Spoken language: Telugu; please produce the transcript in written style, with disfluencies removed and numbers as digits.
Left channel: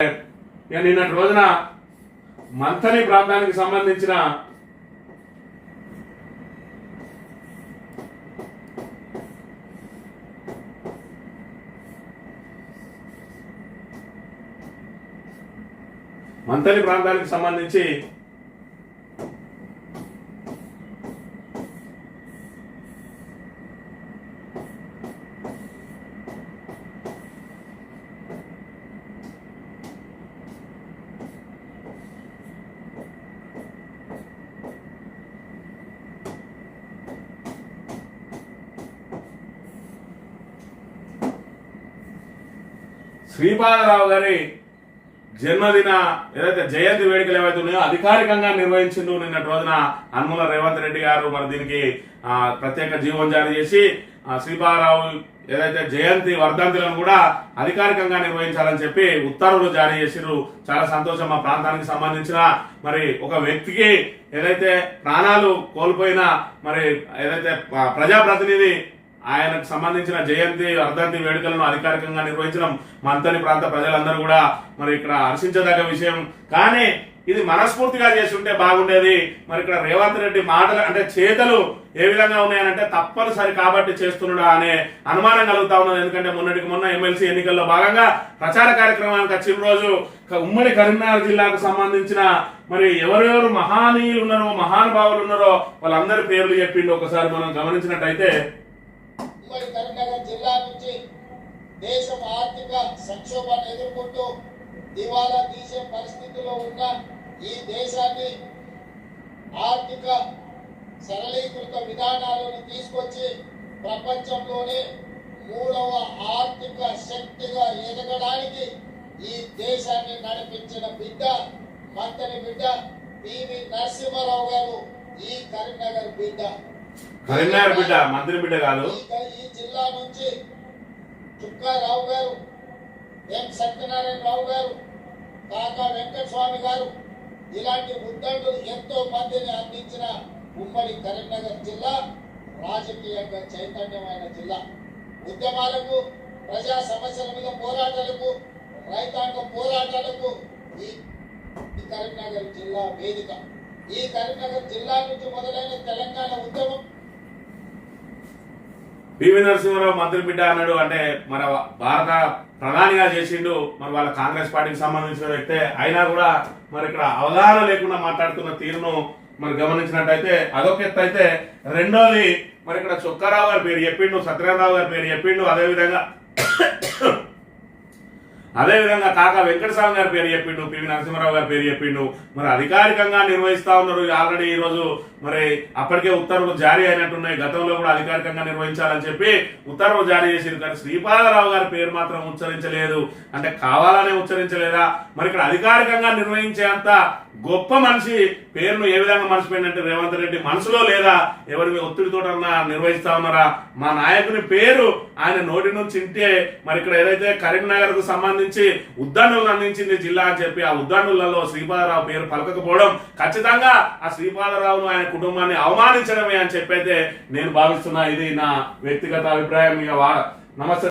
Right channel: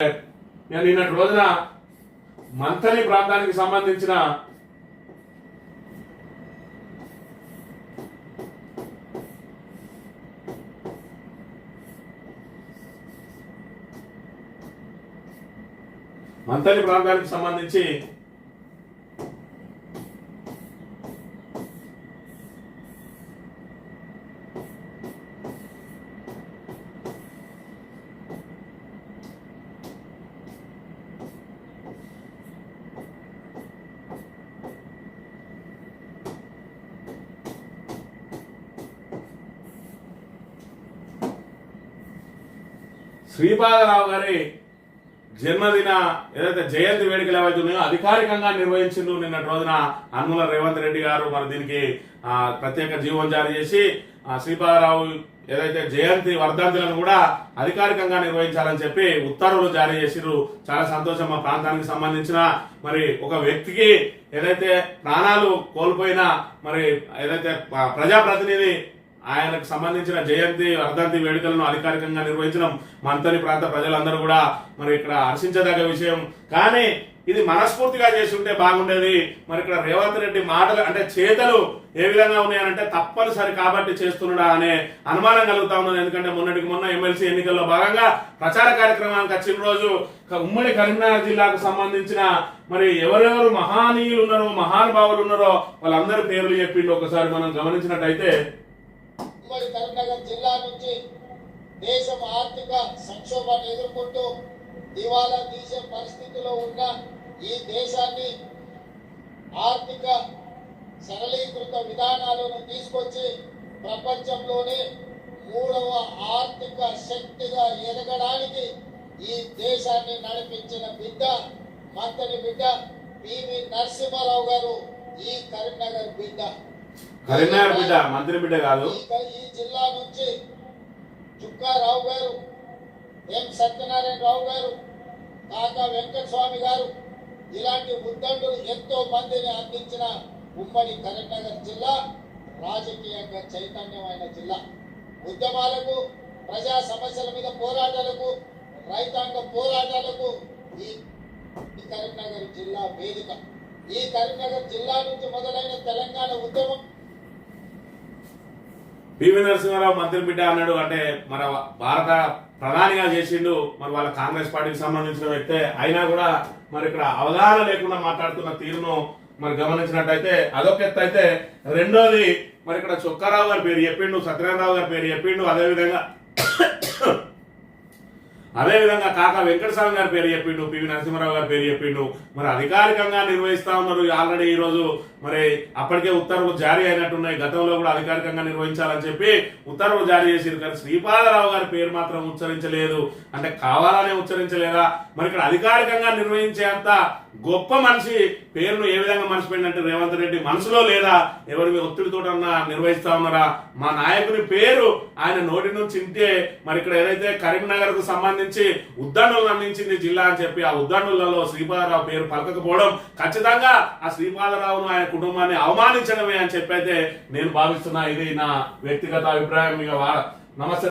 నేను నిన్నటి రోజున మంథని ప్రాంతానికి సంబంధించిన శ్రీపాదరావు గారి జన్మదిన ఏదైతే జయంతి వేడుకలు ఏవైతే ఉన్నాయో అధికారికంగా నిర్వహించిండు నిన్నటి రోజున అనుముల రేవంత్ రెడ్డి గారు. మరి దీనికి ప్రత్యేక జీవోం జారీ చేసి శ్రీపాదరావు ఏదైతే జయంతి వర్ధంతులను కూడా అధికారికంగా నిర్వహించాలని చెప్పి ఉత్తర్వులు జారీ చేసిరు. చాలా సంతోషం. మా ప్రాంతానికి సంబంధించిన మరి ఒక వ్యక్తికి ఏదైతే ప్రాణాలు కోల్పోయిన మరి ఏదైతే ప్రజాప్రతినిధి ఆయనకు సంబంధించిన జయంతి వర్ధంతి వేడుకలను అధికారికంగా నిర్వహించడం మంథని ప్రాంత ప్రజలందరూ కూడా మరి ఇక్కడ హర్షించదగ్గ విషయం. కానీ ఇది మనస్ఫూర్తిగా చేస్తుంటే బాగుండేది. మరి ఇక్కడ రేవంత్ రెడ్డి మాటలు అంటే చేతలు ఏ విధంగా ఉన్నాయనంటే తప్పనిసరి కాబట్టి చేస్తున్నాడా అనే అనుమానం కలుగుతా ఉన్నది. ఎందుకంటే మొన్నటికి మొన్న ఎమ్మెల్సీ ఎన్నికల్లో భాగంగా ప్రచార కార్యక్రమానికి వచ్చిన రోజు ఉమ్మడి కరీంనగర్ జిల్లాకు సంబంధించిన మరి ఎవరెవరు మహానీయులు ఉన్నారో మహానుభావులు ఉన్నారో వాళ్ళందరి పేర్లు చెప్పిండు. ఒకసారి మనం గమనించినట్టయితే ఉమ్మడి కరీంనగర్ జిల్లా నుంచి దేశం ఆర్థిక సంక్షోభాన్ని ఎదుర్కొంటూ దివాలా తీసే పరిస్థితిలో ఉన్న ఈ దేశాన్ని ఆర్థిక సరళీకృత విధానాలను తీసుకొచ్చి ప్రపంచంలోనే 3వ ఆర్థిక శక్తిగా ఎదగడానికి ఈ దేశాన్ని నడిపించిన బిడ్డ మంథని బిడ్డ పివి నరసింహారావు గారు. ఈ కరీంనగర్ బిడ్డ మంత్రి బిడ్డ కాదు. ఈ జిల్లా నుంచి చుక్కారావు గారు, ఎం సత్యనారాయణ రావు గారు, కాకా వెంకటస్వామి గారు ఇలాంటి ఉద్దండులు ఎంతో మందిని అందించిన ఉమ్మడి కరీంనగర్ జిల్లా రాజకీయంగా చైతన్యమైన జిల్లా. ఉద్యమాలకు, ప్రజా సమస్యల మీద పోరాటాలకు, రైతాంగ పోరాటాలకు ఈ కరీంనగర్ జిల్లా వేదిక. ఈ కరీంనగర్ జిల్లా నుంచి మొదలైన తెలంగాణ ఉద్యమం పివి నరసింహారావు మంత్రి బిడ్డ అన్నాడు. అంటే మన భారత ప్రధానిగా చేసిండు. మరి వాళ్ళ కాంగ్రెస్ పార్టీకి సంబంధించిన వ్యక్తే అయినా కూడా మరి ఇక్కడ అవగాహన లేకుండా మాట్లాడుతున్న తీరును మరి గమనించినట్టయితే అదొక ఎత్తు అయితే, రెండోది మరి ఇక్కడ చుక్కారావు గారి పేరు చెప్పిండు, సత్యనారాయణరావు గారి పేరు చెప్పిండు, అదేవిధంగా కాకా వెంకటస్వామి గారి పేరు చెప్పిండు, పివి నరసింహారావు గారి పేరు చెప్పిండు. మరి అధికారికంగా నిర్వహిస్తా ఉన్నారు. ఆల్రెడీ ఈ రోజు మరి అప్పటికే ఉత్తర్వులు జారీ అయినట్టున్నాయి. గతంలో కూడా అధికారికంగా నిర్వహించాలని చెప్పి ఉత్తర్వులు జారీ చేసింది. కానీ శ్రీపాదరావు గారి పేరు మాత్రం ఉచ్చరించలేదు. అంటే కావాలనే ఉచ్చరించలేదా? మరి ఇక్కడ అధికారికంగా నిర్వహించేంత గొప్ప మనిషి పేరును ఏ విధంగా మర్చిపోయిందంటే రేవంత్ రెడ్డి మనసులో లేదా? ఎవరి ఒత్తిడితోటన్నా నిర్వహిస్తా ఉన్నారా? మా నాయకుని పేరు ఆయన నోటి నుంచి ఇంటే మరి ఇక్కడ ఏదైతే కరీంనగర్ కు సంబంధించి ఉద్దండులను అందించింది జిల్లా అని చెప్పి ఆ ఉద్దండులలో శ్రీపాదరావు పేరు పలకకపోవడం ఖచ్చితంగా ఆ శ్రీపాదరావును ఆయన కుటుంబాన్ని అవమానించడమే అని చెప్పైతే నేను భావిస్తున్నా. ఇది నా వ్యక్తిగత అభిప్రాయం. నమస్తే.